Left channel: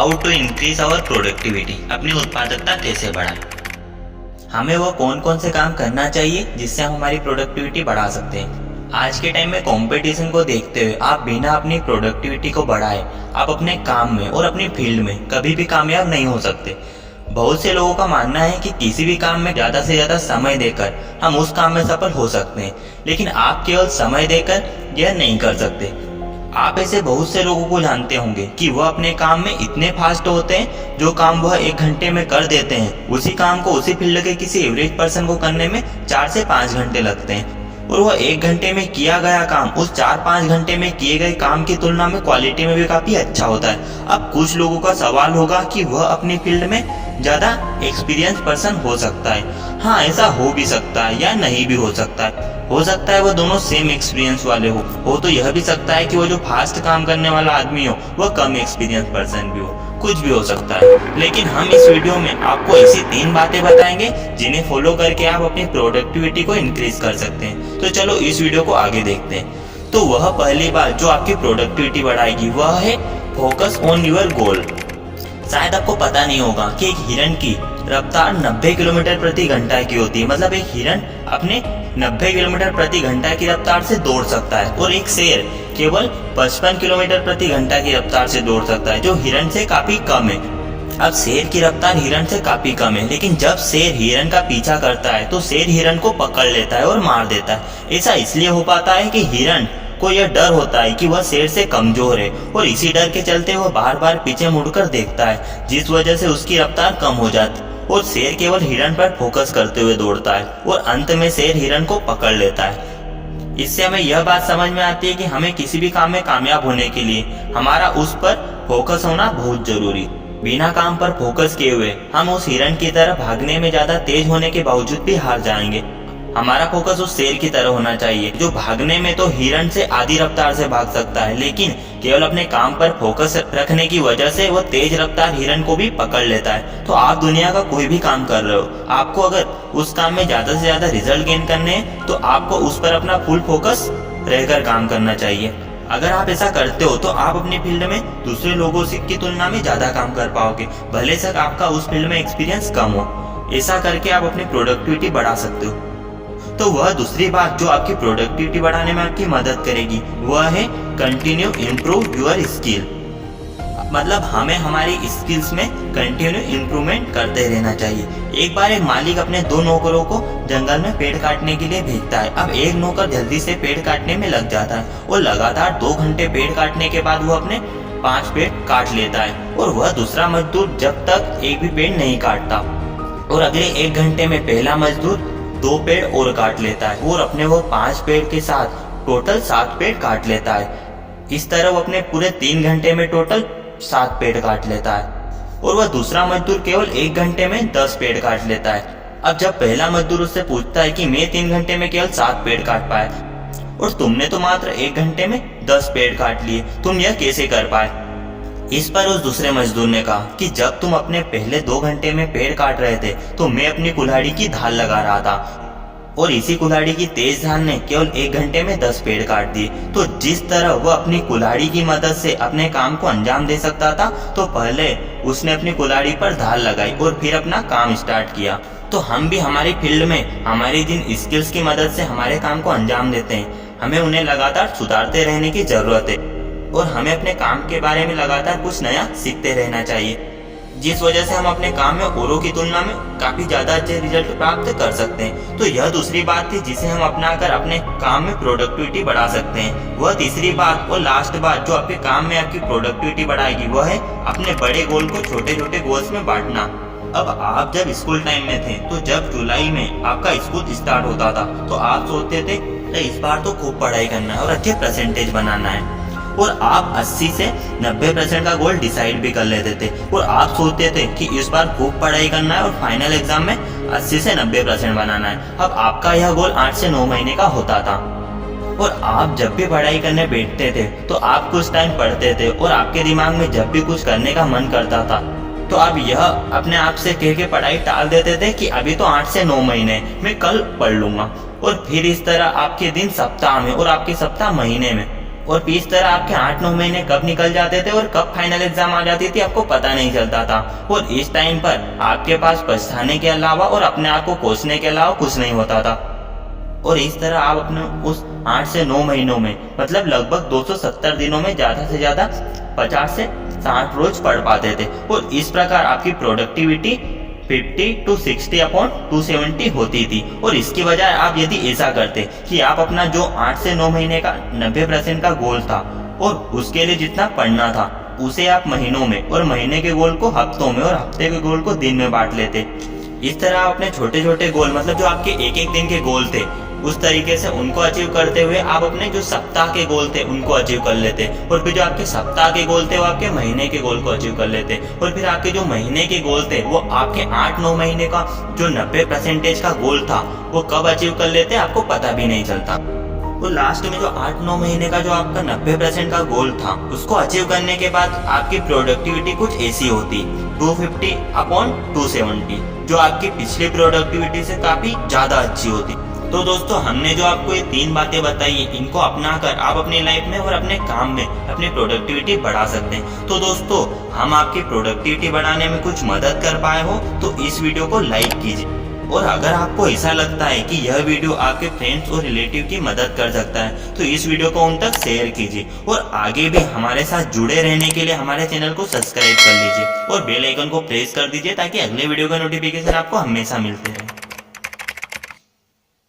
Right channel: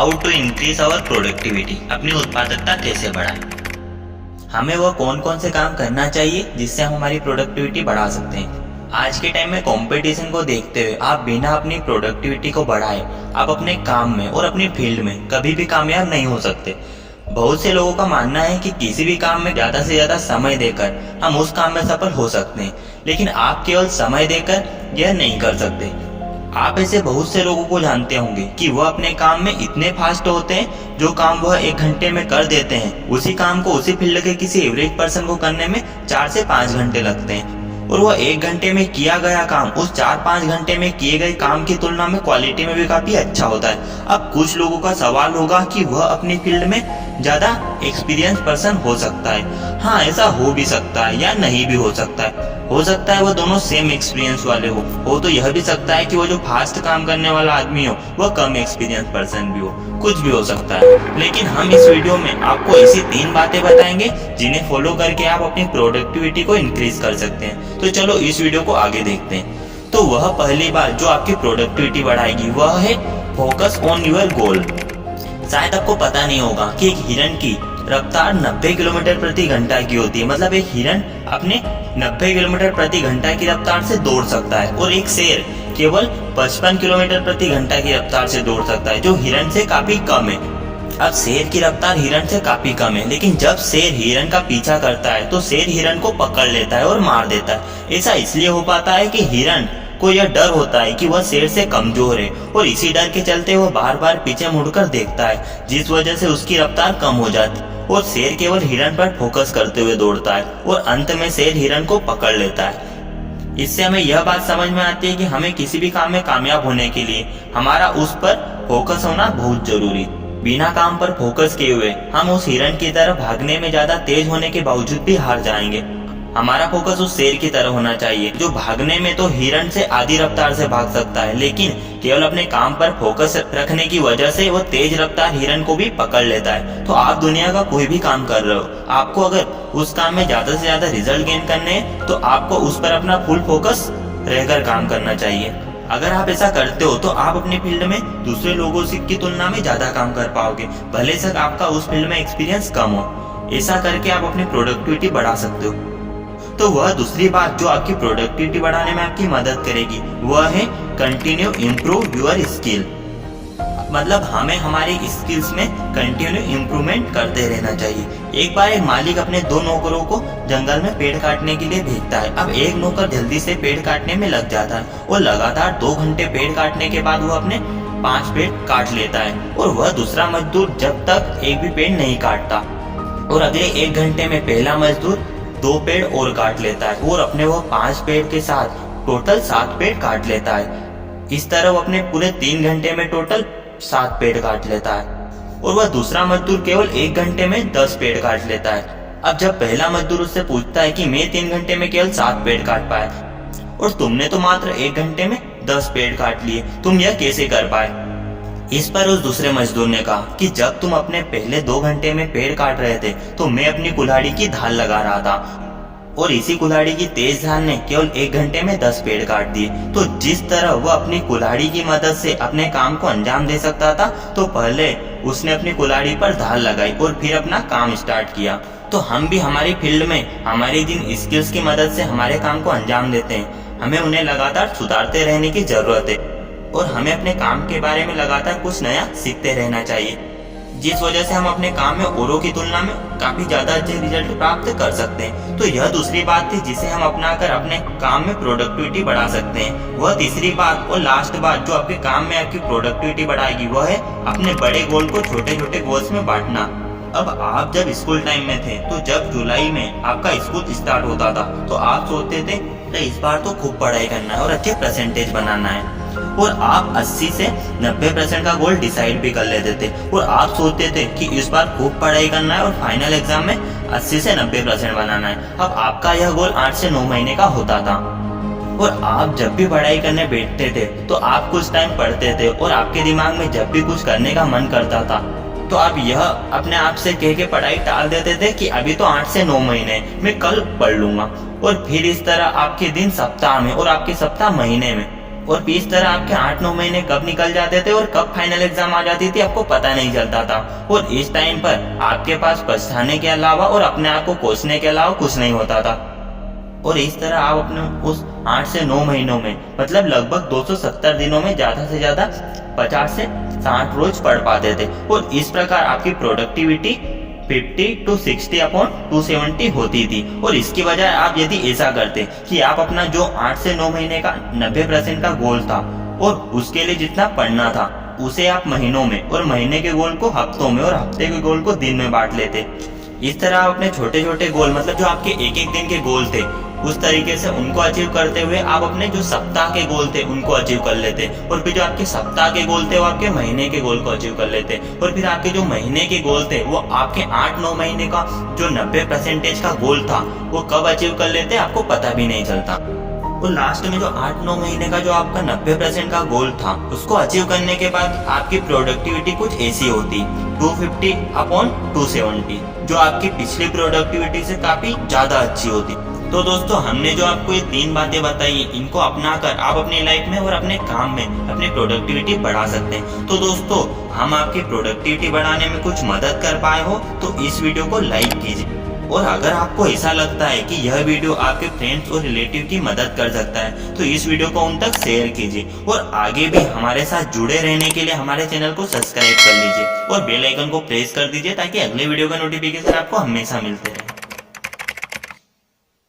How to increase our productivity, अपनी उत्पादकता कैसे बढ़ाएं। हमें वह कौन कौन से काम करना चाहिए जिससे हम हमारी प्रोडक्टिविटी बढ़ा सकते हैं। आज के टाइम में कंपटीशन को देखते हुए आप बिना अपनी प्रोडक्टिविटी को बढ़ाए आप अपने काम में और अपनी फील्ड में कभी भी कामयाब नहीं हो सकते। बहुत से लोगों का मानना है कि किसी भी काम में ज़्यादा से ज़्यादा समय देकर हम उस काम में सफल हो सकते हैं, लेकिन आप केवल समय देकर यह नहीं कर सकते। आप ऐसे बहुत से लोगों को जानते होंगे कि वह अपने काम में इतने फास्ट होते हैं, जो काम वह 1 घंटे में कर देते हैं उसी काम को उसी फील्ड के किसी एवरेज पर्सन को करने में 4 से 5 घंटे लगते हैं। और वह 1 घंटे में किया गया काम उस 4-5 घंटे में किए गए काम की तुलना में क्वालिटी में भी काफ़ी अच्छा होता है। अब कुछ लोगों का सवाल होगा कि वह अपनी फील्ड में ज़्यादा एक्सपीरियंस पर्सन हो सकता है। हाँ, ऐसा हो भी सकता है या नहीं भी हो सकता है। हो सकता है वह दोनों सेम एक्सपीरियंस वाले हो तो यह भी सकता है कि वो जो फास्ट काम करने वाला आदमी हो वह कम एक्सपीरियंस पर्सन भी हो, कुछ भी हो सकता है। लेकिन हम इस वीडियो में आपको ऐसी 3 बातें बताएंगे जिन्हें फॉलो करके आप अपनी प्रोडक्टिविटी को इंक्रीज कर सकते हैं। तो चलो इस वीडियो को आगे देखते हैं। तो वह पहली बात जो आपकी प्रोडक्टिविटी बढ़ाएगी वह है फोकस ऑन योर गोल। शायद आपको पता नहीं होगा कि एक हिरन की रफ्तार 90 किलोमीटर प्रति घंटा की होती है। मतलब एक हिरन अपने 90 किलोमीटर प्रति घंटा की रफ्तार से दौड़ सकता है और एक शेर केवल 55 किलोमीटर प्रति घंटा की रफ्तार से दौड़ सकता है, जो हिरन से काफी कम है। अब शेर की रफ्तार हिरन से काफी कम है, लेकिन जब शेर हिरन का पीछा करता है तो शेर हिरन को पकड़ लेता है और मार देता है। ऐसा इसलिए हो पाता है कि हिरन को यह डर होता है कि वह शेर से कमजोर है और इसी डर के चलते वह बार बार पीछे मुड़कर देखता है, जिस वजह से उसकी रफ्तार कम हो जाती है और शेर केवल हिरन पर फोकस करते हुए दौड़ता है और अंत में शेर हिरन को पकड़ लेता है। इससे हमें यह बात समझ में आती है कि हमें किसी भी काम में कामयाब होने के लिए हमारा उस पर फोकस होना बहुत जरूरी। बिना काम पर फोकस किए हुए हम उस हिरन की तरह भागने में ज्यादा तेज होने के बावजूद भी हार जाएंगे। हमारा फोकस उस शेर की तरह होना चाहिए जो भागने में तो हिरन से आधी रफ्तार से भाग सकता है, लेकिन केवल अपने काम पर फोकस रखने की वजह से वो तेज रफ्तार हिरन को भी पकड़ लेता है। तो आप दुनिया का कोई भी काम कर रहे हो, आपको अगर उस काम में ज्यादा से ज्यादा रिजल्ट गेन करने हैं तो आपको उस पर अपना फुल फोकस रहकर काम करना चाहिए। अगर आप ऐसा करते हो तो आप अपनी फील्ड में दूसरे लोगों से की तुलना में ज्यादा काम कर पाओगे, भले से आपका उस फील्ड में एक्सपीरियंस कम हो। ऐसा करके आप अपनी प्रोडक्टिविटी बढ़ा सकते हो। तो वह दूसरी बात जो आपकी प्रोडक्टिविटी बढ़ाने में आपकी मदद करेगी वह है कंटिन्यू इम्प्रूव योर स्किल। मतलब हमें हमारी स्किल्स में कंटिन्यू इम्प्रूवमेंट करते रहना चाहिए। एक बार एक मालिक अपने 2 नौकरों को जंगल में पेड़ काटने के लिए भेजता है। अब एक नौकर जल्दी से पेड़ काटने में लग जाता है और लगातार 2 घंटे पेड़ काटने के बाद वो अपने 5 पेड़ काट लेता है और वह दूसरा मजदूर जब तक एक भी पेड़ नहीं काटता और अगले 1 घंटे में पहला मजदूर 2 पेड़ और काट लेता है और अपने वो 5 पेड़ के साथ टोटल 7 पेड़ काट लेता है। इस तरह वो अपने पूरे 3 घंटे में टोटल 7 पेड़ काट लेता है और वह दूसरा मजदूर केवल 1 घंटे में 10 पेड़ काट लेता है। अब जब पहला मजदूर उससे पूछता है कि मैं 3 घंटे में केवल 7 पेड़ काट पाया और तुमने तो मात्र 1 घंटे में 10 पेड़ काट लिए, तुम यह कैसे कर पाए। इस पर उस दूसरे मजदूर ने कहा कि जब तुम अपने पहले 2 घंटे में पेड़ काट रहे थे तो मैं अपनी कुल्हाड़ी की धार लगा रहा था और इसी कुल्हाड़ी की तेज धार ने केवल 1 घंटे में 10 पेड़ काट दिए। तो जिस तरह वह अपनी कुल्हाड़ी की मदद से अपने काम को अंजाम दे सकता था, तो पहले उसने अपनी कुल्हाड़ी पर धार लगाई और फिर अपना काम स्टार्ट किया। तो हम भी हमारी फील्ड में हमारी जिन स्किल्स की मदद से हमारे काम को अंजाम देते हैं, हमें उन्हें लगातार सुधारते रहने की जरूरत है और हमें अपने काम के बारे में लगातार कुछ नया सीखते रहना चाहिए, जिस वजह से हम अपने काम में औरों की तुलना में काफी ज्यादा अच्छे रिजल्ट प्राप्त कर सकते हैं। तो यह दूसरी बात थी जिसे हम अपनाकर अपने काम में प्रोडक्टिविटी बढ़ा सकते हैं। वह तीसरी बात और लास्ट बात जो आपके काम में आपकी प्रोडक्टिविटी बढ़ाएगी वह है अपने बड़े गोल को छोटे छोटे गोल्स में बांटना। अब आप जब स्कूल टाइम में थे तो जब जुलाई में आपका स्कूल स्टार्ट होता था तो आप सोचते थे इस बार तो खूब पढ़ाई करना है और अच्छे परसेंटेज बनाना है और आप 80 से 90% का गोल डिसाइड भी कर लेते थे और आप सोचते थे कि इस बार खूब पढ़ाई करना है और फाइनल एग्जाम में 80 से 90% बनाना है। अब आपका यह गोल 8 से 9 महीने का होता था और आप जब भी पढ़ाई करने बैठते थे तो आप कुछ टाइम पढ़ते थे और आपके दिमाग में जब भी कुछ करने का मन करता था तो आप यह अपने आप से कह के पढ़ाई टाल देते थे कि अभी तो 8 से 9 महीने मैं कल पढ़ लूंगा। और फिर इस तरह आपके दिन सप्ताह में और आपके सप्ताह महीने में और इस तरह आपके 8-9 महीने कब निकल जाते थे और कब फाइनल एग्जाम आ जाती थी आपको पता नहीं चलता था। और इस टाइम पर आपके पास पछताने के अलावा और अपने आप को कोसने के अलावा कुछ नहीं होता था। और इस तरह आप अपने उस 8 से 9 महीनों में मतलब लगभग 270 दिनों में ज़्यादा से ज़्यादा 50 से 60 रोज पढ़ पाते थे। और इस प्रकार आपकी प्रोडक्टिविटी 50 to 60 अपॉन 270 होती थी। और इसकी बजाय आप यदि ऐसा करते कि आप अपना जो 8 से 9 महीने का 90% का गोल था और उसके लिए जितना पढ़ना था उसे आप महीनों में और महीने के गोल को हफ्तों में और हफ्ते के गोल को दिन में बांट लेते। इस तरह आप अपने छोटे छोटे गोल मतलब जो आपके एक एक दिन के गोल थे उस तरीके से उनको अचीव करते हुए आप अपने जो सप्ताह के गोल थे उनको अचीव कर लेते। और फिर जो आपके सप्ताह के गोल थे वो आपके महीने के गोल को अचीव कर लेते। और फिर आपके जो महीने के गोल थे वो आपके 8-9 महीने का जो 90% का गोल था वो कब अचीव कर लेते आपको पता भी नहीं चलता। और लास्ट में जो 8-9 महीने का जो आपका 90% का गोल था उसको अचीव करने के बाद आपकी प्रोडक्टिविटी कुछ ऐसी होती 250 अपॉन 270, जो आपकी पिछली प्रोडक्टिविटी से काफ़ी ज़्यादा अच्छी होती। तो दोस्तों हमने जो आपको ये 3 बातें बताई इनको अपनाकर आप अपनी लाइफ में और अपने काम में अपनी प्रोडक्टिविटी बढ़ा सकते हैं। तो दोस्तों हम आपकी प्रोडक्टिविटी बढ़ाने में कुछ मदद कर पाए हो तो इस वीडियो को लाइक कीजिए। और अगर आपको ऐसा लगता है कि यह वीडियो आपके फ्रेंड्स और रिलेटिव की मदद कर सकता है तो इस वीडियो को उन तक शेयर कीजिए। और आगे भी हमारे साथ जुड़े रहने के लिए हमारे चैनल को सब्सक्राइब कर लीजिए और बेल आइकन को प्रेस कर दीजिए ताकि अगले वीडियो का नोटिफिकेशन आपको हमेशा मिलते रहे।